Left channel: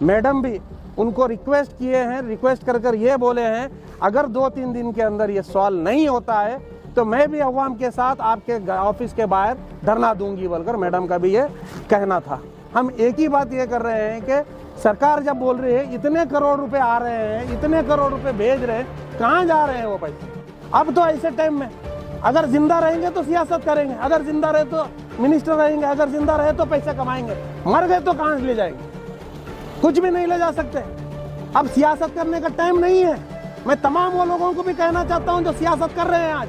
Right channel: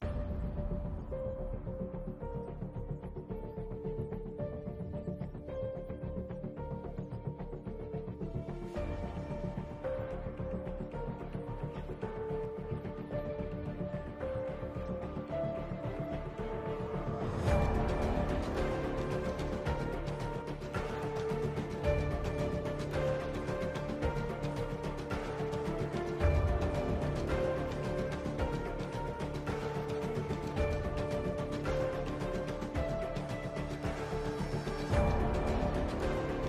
Madam भी उनको request किए हैं, रिक्वेस्ट कर ये बोले हैं अगर 2-3 दिन के अंदर ये सॉल्व नहीं होता है तो मैं भी अवाम के साथ आपके ऑफिस के बाहर धरना दूंगी बोलकर मैडम का भी ये कहना था। हम एक ही बात ये कर रहे हैं कि सरकार जब बोल रही है इतने करोड़ रुपए आ रहे हैं, इतने करोड़ रुपए भेज रहे हैं, कहाँ जा रहे हैं वो पैसे? अब तो ऐसे टाइम में अगर जिंदा रहेंगे तो सियासत करेंगे, अगर जिंदा रहे तो मिनिस्टर रहेंगे, अगर जिंदा रहे तो पैसे कमाएंगे, मर गए तो कहाँ ले जाएंगे? कुछ भी नहीं ले जा सकते। अब सियासत करने का टाइम नहीं है। मैं तमाम वो लोगों को भी कहना चाहता हूं जो सियासत कर रहे हैं, आज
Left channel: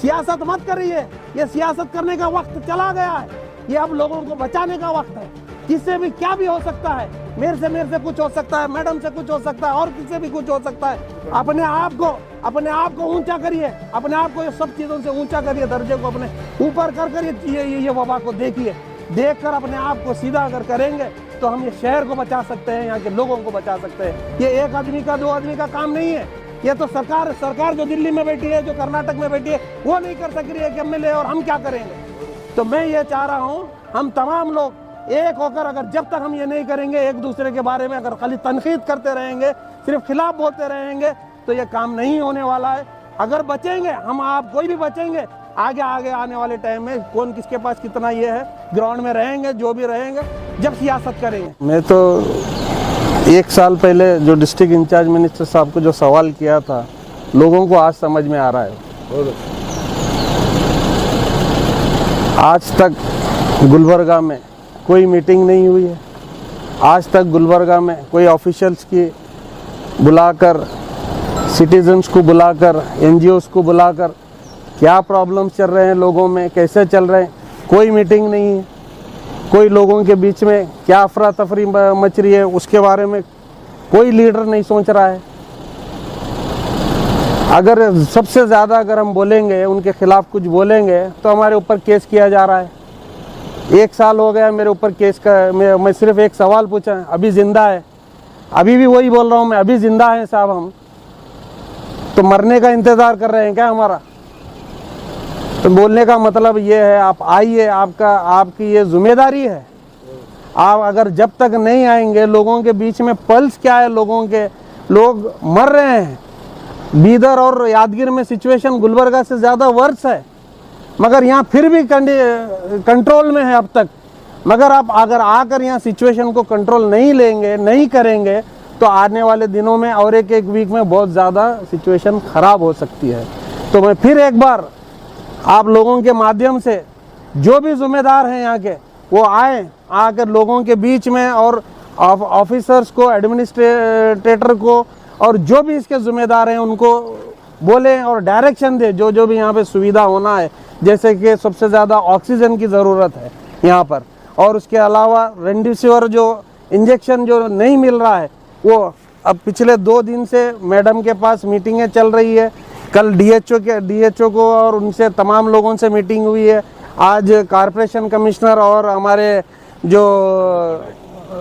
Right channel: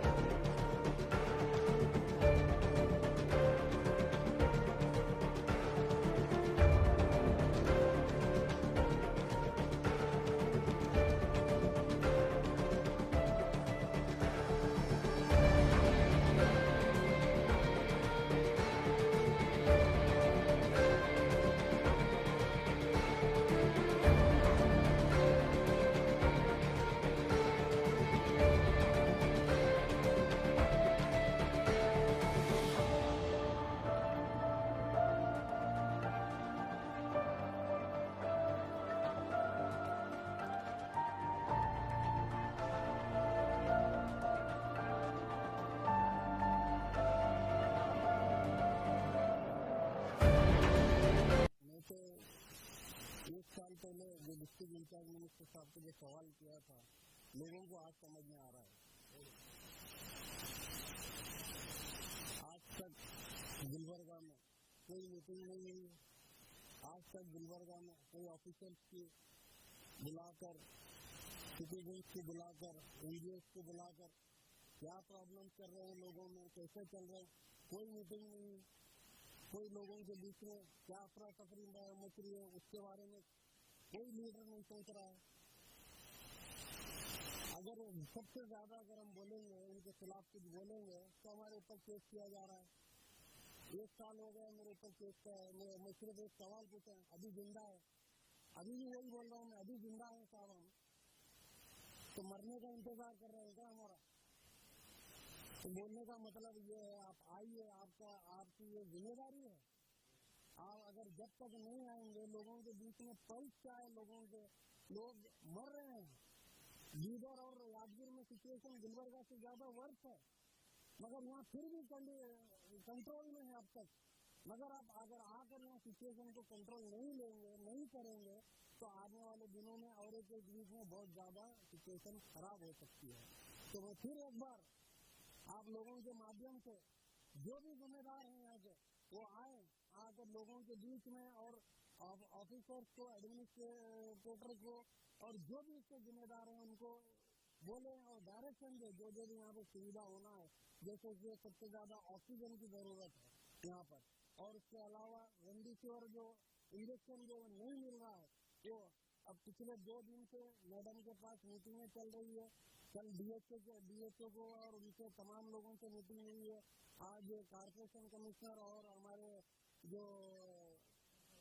सियासत मत करिए, ये सियासत करने का वक्त चला गया है। ये अब लोगों को बचाने का वक्त है। किससे भी क्या भी हो सकता है, मेरे से कुछ हो सकता है, मैडम से कुछ हो सकता है, और किससे भी कुछ हो सकता है। अपने आप को ऊंचा करिए, अपने आप को ये सब चीजों से ऊंचा करिए, दर्जे को अपने ऊपर कर ये वबा को देखिए। देखकर अपने आप को सीधा अगर करेंगे तो हम ये शहर को बचा सकते हैं, यहाँ के लोगों को बचा सकते हैं। ये एक आदमी का 2 आदमी का काम नहीं है। ये तो सरकार जो दिल्ली में बैठी है, जो कर्नाटक में बैठी है, वो नहीं कर सक रही है कि एमएलए, और हम क्या करेंगे? तो मैं ये चाह रहा हूँ हम तमाम लोग एक होकर, अगर जब तक हम ये नहीं करेंगे, एक दूसरे के बारे में अगर खाली तनकीद करते रहेंगे, सिर्फ खिलाफ बोलते रहेंगे, तो ये काम नहीं होने वाला है। अगर बचेंगे हम, आप कोई भी बचेंगे, आगे आने वाले टाइम में कौन किसके पास कितना ये है, ग्राउंड में रहेंगे, जो भी रहेंगे, जब सियासत करेंगे। मैं तो 1 साल पहले जो डिस्ट्रिक्ट इंचार्ज मिनिस्टर साहब को जो सवाल किया था, लोगों को आज समझ में आ रहा है। आज तक गुलबर्गा में कोई मीटिंग नहीं हुई है। आज तक गुलबर्गा में कोई ऑफिशियल्स की बुलाकर, सिटीजन्स को बुलाकर, एनजीओस को बुलाकर क्या प्रॉब्लम्स चल रहे हैं लोगों में, कैसे चल रहे हैं, कोई मीटिंग नहीं है। कोई लोगों के बीच में क्या अफरा तफरी मच रही है उसके बारे में कोई लीडर नहीं सोच रहा है। अगर सबसे ज़्यादा अगर हम बोलेंगे, उनके खिलाफ कुछ बोलेंगे, तो हमारे ऊपर केस किया जा रहा है। 1 साल हो गया मेरे ऊपर केस का। मैं सिर्फ एक सवाल पूछा, अभी जिंदा है? अभी भी वही बोल रहा हूँ मैं, अभी जिंदा है साहब। हम तो मरने का इंतज़ार कर रहे हैं क्या हमारा? तो बोलने का मतलब ये है, आप आइए, आपकी ये जिम्मेदारी है। आप अगर जब तक नहीं आएंगे, लोगों के बीच में पल्स क्या है, लोग मर रहे हैं। बीदर और यादगीर में सिचुएशन गुलबर्गा से ज़्यादा वर्स है, मगर यहाँ फिर भी कंट्रोल में है अब तक। मगर आप अगर आकर यहाँ सिचुएशन को कंट्रोल नहीं लेंगे, नहीं करेंगे, तो आने वाले दिनों में और एक वीक में बहुत ज़्यादा सिचुएशन ख़राब हो सकती है। तो मैं फिर एक बार आप लोगों के माध्यम से, जो भी जिम्मेदार हैं यहाँ के, वो आकर लोगों के बीच में, और ऑफिसर्स को, एडमिनिस्ट्रेटर को, और जो भी इसके जिम्मेदार हैं उनको बोलें और डायरेक्शन दे, जो भी यहाँ पे सुविधा होना है। जैसे कि सबसे ज़्यादा ऑक्सीजन की ज़रूरत है यहाँ पर, और उसके अलावा रेमडेसिविर जो इंजेक्शन जो नहीं मिल रहा है, वो अब पिछले 2 दिन से मैडम के पास मीटिंगें चल रही है। कल डीएचओ को और उनसे तमाम लोगों से मीटिंग हुई है। आज कॉरपोरेशन कमिश्नर और हमारे जो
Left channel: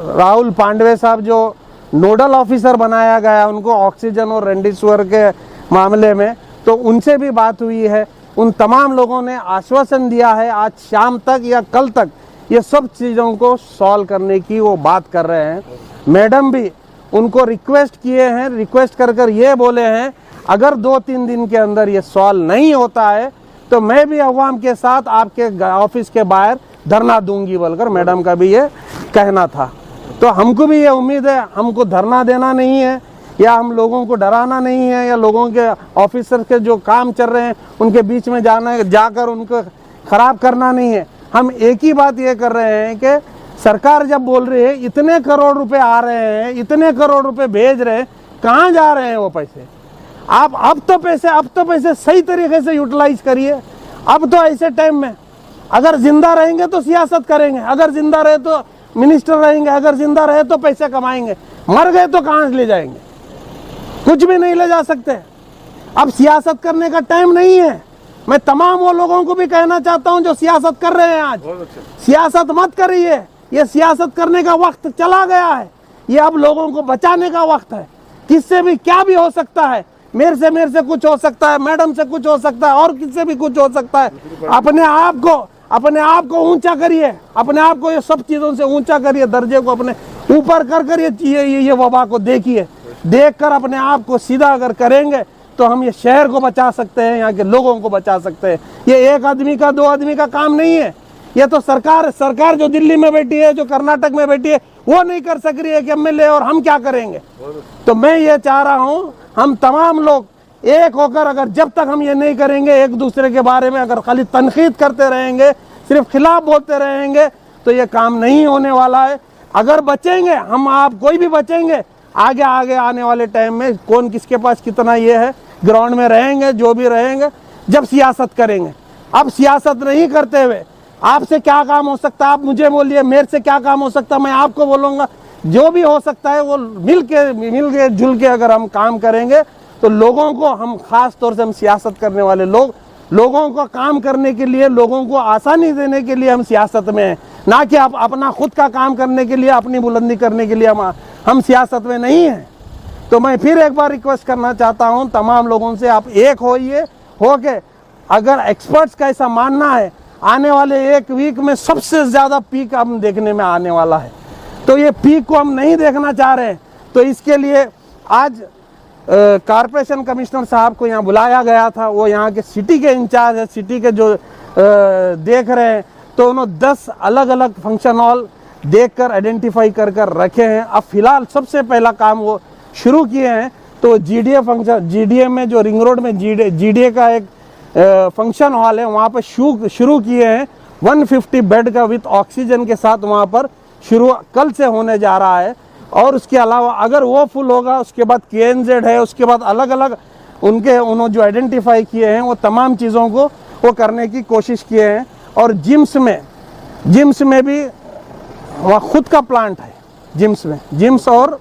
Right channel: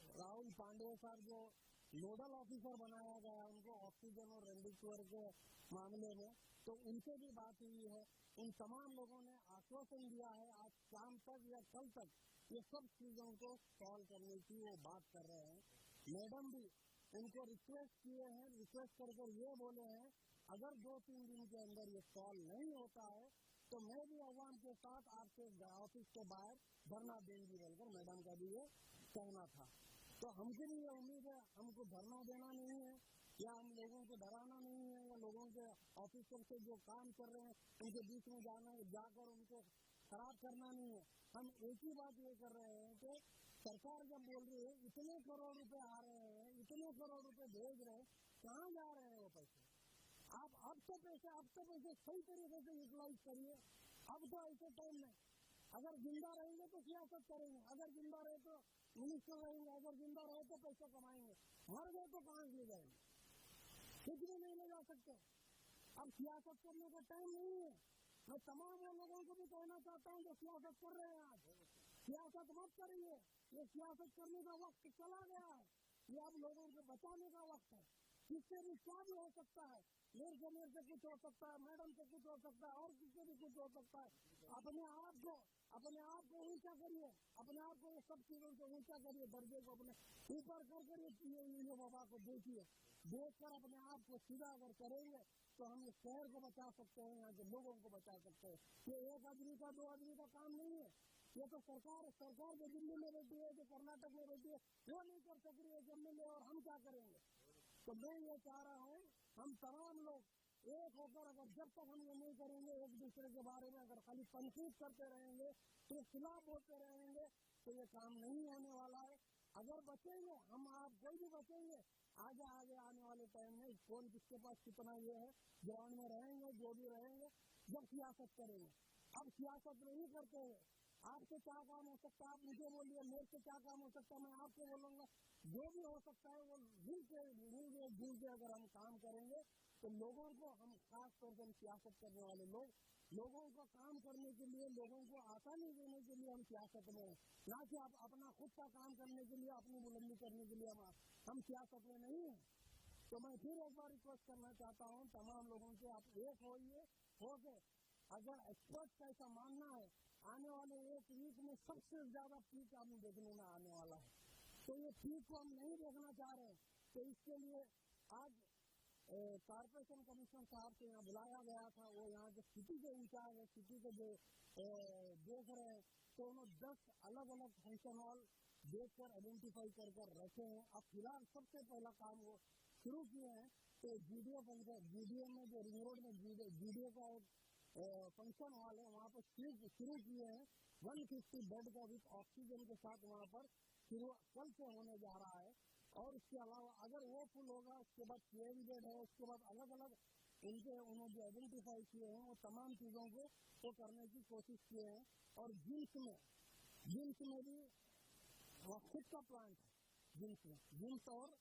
राहुल पांडवे साहब जो नोडल ऑफिसर बनाया गया, उनको ऑक्सीजन और रेमडेसिविर के मामले में, तो उनसे भी बात हुई है। उन तमाम लोगों ने आश्वासन दिया है आज शाम तक या कल तक ये सब चीज़ों को सॉल्व करने की वो बात कर रहे हैं। मैडम भी उनको रिक्वेस्ट किए हैं, रिक्वेस्ट कर ये बोले हैं अगर 2-3 दिन के अंदर ये सॉल्व नहीं होता है तो मैं भी अवाम के साथ आपके ऑफिस के बाहर धरना दूंगी बोलकर मैडम का भी ये कहना था। तो हमको भी ये उम्मीद है, हमको धरना देना नहीं है, या हम लोगों को डराना नहीं है, या लोगों के ऑफिसर के जो काम चल रहे हैं उनके बीच में जाकर उनको खराब करना नहीं है। हम एक ही बात ये कर रहे हैं कि सरकार जब बोल रही है इतने करोड़ रुपए आ रहे हैं, इतने करोड़ रुपए भेज रहे हैं, कहाँ जा रहे हैं वो पैसे? आप अब तो पैसे सही तरीके से यूटिलाइज करिए। अब तो ऐसे टाइम में अगर जिंदा रहेंगे तो सियासत करेंगे, अगर जिंदा रहे तो मिनिस्टर रहेंगे, अगर जिंदा रहे तो पैसे कमाएंगे, मर गए तो कहाँ ले जाएंगे? कुछ भी नहीं ले जा सकते। अब सियासत करने का टाइम नहीं है। मैं तमाम वो लोगों को भी कहना चाहता हूं जो सियासत कर रहे हैं, आज सियासत मत करिए, ये सियासत करने का वक्त चला गया है। ये अब लोगों को बचाने का वक्त है। किससे भी क्या भी हो सकता है, मेरे से कुछ हो सकता है, मैडम से कुछ हो सकता है, और किससे भी कुछ हो सकता है। अपने आप को ऊंचा करिए, अपने आप को ये सब चीज़ों से ऊंचा करिए, दर्जे को अपने ऊपर कर ये वबा को देखिए। देखकर अपने आप को सीधा अगर करेंगे तो हम ये शहर को बचा सकते हैं, यहाँ के लोगों को बचा सकते हैं। ये एक आदमी का, दो आदमी का काम नहीं है। ये तो सरकार जो दिल्ली में बैठी है, जो कर्नाटक में बैठी है, वो नहीं कर सक रही है कि एमएलए, और हम क्या करेंगे। तो मैं ये चाह रहा हूँ हम तमाम लोग एक होकर, अगर जब तक हम ये नहीं करेंगे, एक दूसरे के बारे में अगर खाली तनकीद करते रहेंगे, सिर्फ खिलाफ बोलते रहेंगे, तो ये काम नहीं होने वाला है। अगर बचेंगे हम, आप कोई भी बचेंगे, आगे आने वाले टाइम में कौन किसके पास कितना ये है, ग्राउंड में रहेंगे, जो भी रहेंगे, जब सियासत करेंगे। अब सियासत नहीं करते हुए आपसे क्या काम हो सकता है, आप मुझे बोलिए, मेरे से क्या काम हो सकता है, मैं आपको बोलूँगा। जो भी हो सकता है वो मिल के जुल के अगर हम काम करेंगे तो लोगों को, हम खास तौर से हम सियासत करने वाले लोग, लोगों को काम करने के लिए, लोगों को आसानी देने के लिए हम सियासत में हैं, ना कि आप अपना खुद का काम करने के लिए, अपनी बुलंदी करने के लिए हम सियासत में नहीं हैं। तो मैं फिर एक बार रिक्वेस्ट करना चाहता हूं तमाम लोगों से, आप एक होइए, होके अगर एक्सपर्ट्स का ऐसा मानना है आने वाले एक वीक में सबसे ज़्यादा पीक हम देखने में आने वाला है, तो ये पीक को हम नहीं देखना चाह रहे हैं। तो इसके लिए आज कारपोरेशन कमिश्नर साहब को यहाँ बुलाया गया था, वो यहाँ के सिटी के इंचार्ज है, सिटी के जो देख रहे हैं, तो उन्होंने 10 अलग अलग फंक्शन हॉल देखकर आइडेंटिफाई कर रखे हैं। अब फिलहाल सबसे पहला काम वो शुरू किए हैं, तो जीडीए फंक्शन, जीडीए में जो रिंग रोड में जीडीए का एक फंक्शन हॉल है, वहाँ पर शुरू किए हैं 150 बेड का विथ ऑक्सीजन के साथ, वहाँ पर शुरू कल से होने जा रहा है। और उसके अलावा अगर वो फुल होगा, उसके बाद KNZ है, उसके बाद अलग अलग उन्होंने जो आइडेंटिफाई किए हैं वो तमाम चीज़ों को वो करने की कोशिश किए हैं। और जिम्स में भी वहाँ खुद का प्लांट है, जिम्स और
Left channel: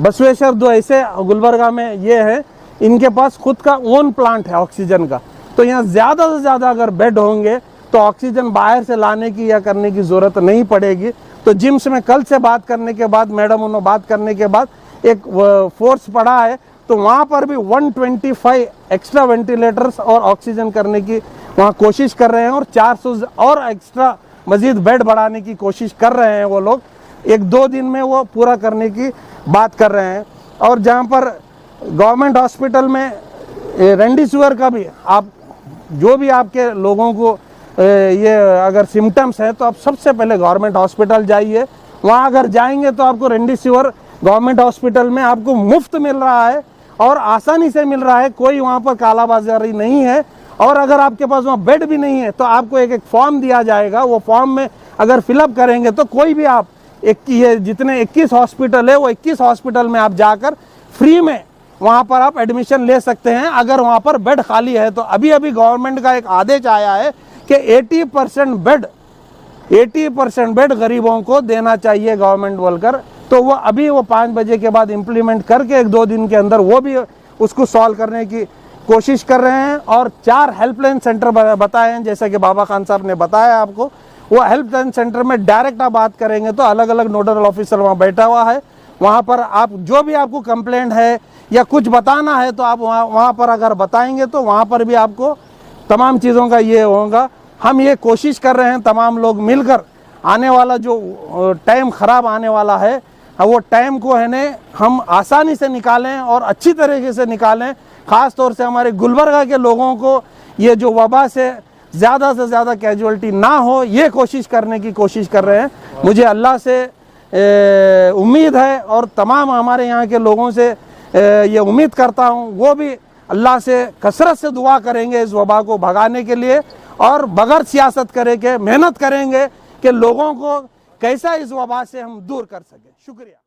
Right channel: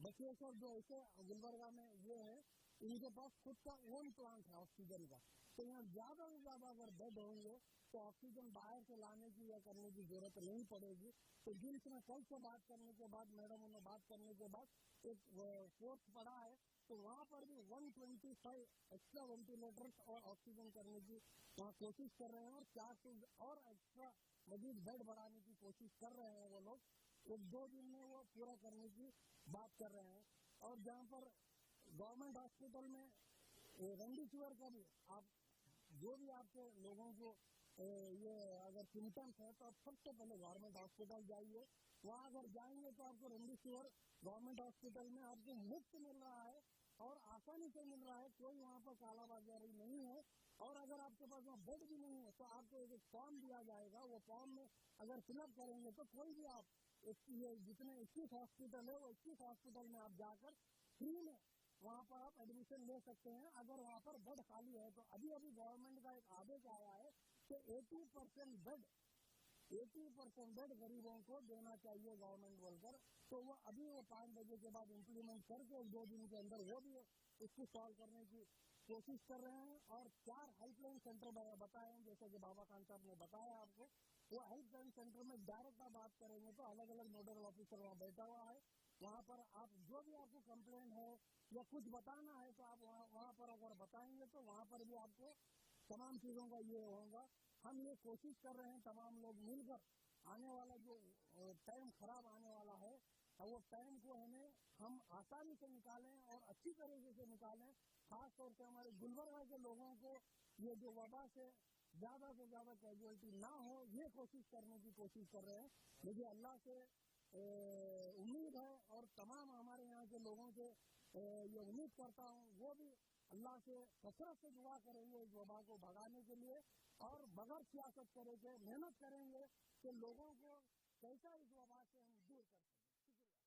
बसवेश्वर, दो ऐसे गुलबर्गा में ये है, इनके पास खुद का ओन प्लांट है ऑक्सीजन का। तो यहाँ ज़्यादा से ज़्यादा अगर बेड होंगे तो ऑक्सीजन बाहर से लाने की या करने की ज़रूरत नहीं पड़ेगी। तो जिम्स में कल से बात करने के बाद, मैडम उन्होंने बात करने के बाद एक फोर्स पड़ा है, तो वहाँ पर भी 125 एक्स्ट्रा वेंटिलेटर्स और ऑक्सीजन करने की वहाँ कोशिश कर रहे हैं, और 400 और एक्स्ट्रा मजीद बेड बढ़ाने की कोशिश कर रहे हैं वो लोग। 1-2 दिन में वो पूरा करने की बात कर रहे हैं। और जहाँ पर गवर्नमेंट हॉस्पिटल में रेमडेसिविर का भी, आप जो भी आपके लोगों को ये अगर सिम्टम्स है, तो आप सबसे पहले गवर्नमेंट हॉस्पिटल जाइए। वहाँ अगर जाएंगे तो आपको रेमडेसिविर गवर्नमेंट हॉस्पिटल में आपको मुफ्त मिल रहा है और आसानी से मिल रहा है, कोई वहाँ पर कालाबाजारी नहीं है। और अगर आपके पास वहाँ बेड भी नहीं है तो आपको एक फॉर्म दिया जाएगा, वो फॉर्म में अगर फिलअप करेंगे तो कोई भी आप जितने 21 हॉस्पिटल है, वो 21 हॉस्पिटल में आप जाकर फ्री में वहाँ पर आप एडमिशन ले सकते हैं, अगर वहाँ पर बेड खाली है तो। अभी गवर्नमेंट का एक आदेश आया है कि 80% बेड गरीबों को देना चाहिए गवर्नमेंट बोलकर, तो वो अभी 5 बजे के बाद इम्प्लीमेंट करके 1-2 दिन के अंदर वो भी उसको सॉल्व करने की कोशिश कर रहे हैं। और 4 हेल्पलाइन सेंटर बताए हैं, जैसा कि बाबा खान साहब ने बताया आपको। वो हेल्पलाइन सेंटर में डायरेक्ट आप बात करेंगे तो अलग अलग नोडल ऑफिसर वहाँ बैठा हुआ है, वहाँ पर आप जो भी आपको कंप्लेंट है या कुछ बताना है तो आप वहाँ पर अगर बताएंगे तो वहाँ पर भी आपको तमाम चीज़ों का ये होगा। हम ये कोशिश कर रहे हैं तमाम लोग मिलकर, आने वाला जो टाइम ख़राब आने वाला है, वो टाइम को है न हम आसानी से निकालें और अच्छी तरीके से निकालें। ख़ास तौर से हमारे गुलबर्गा के लोगों को ये जो वबा से ज़्यादा कैजुअलिटी ना हो, ये कोशिश करने की कोशिश कर रहे हैं। मुझे अल्लाह से उम्मीद है और तमाम हमारे यहाँ के लोगों से ये उम्मीद करता हूँ, वो भी अल्लाह से कसरत से दुआ करेंगे इस वबा को भगाने के लिए, और बगैर सियासत करेंगे, मेहनत करेंगे कि लोगों को कैसा इस वबा से हम दूर कर सकें। शुक्रिया।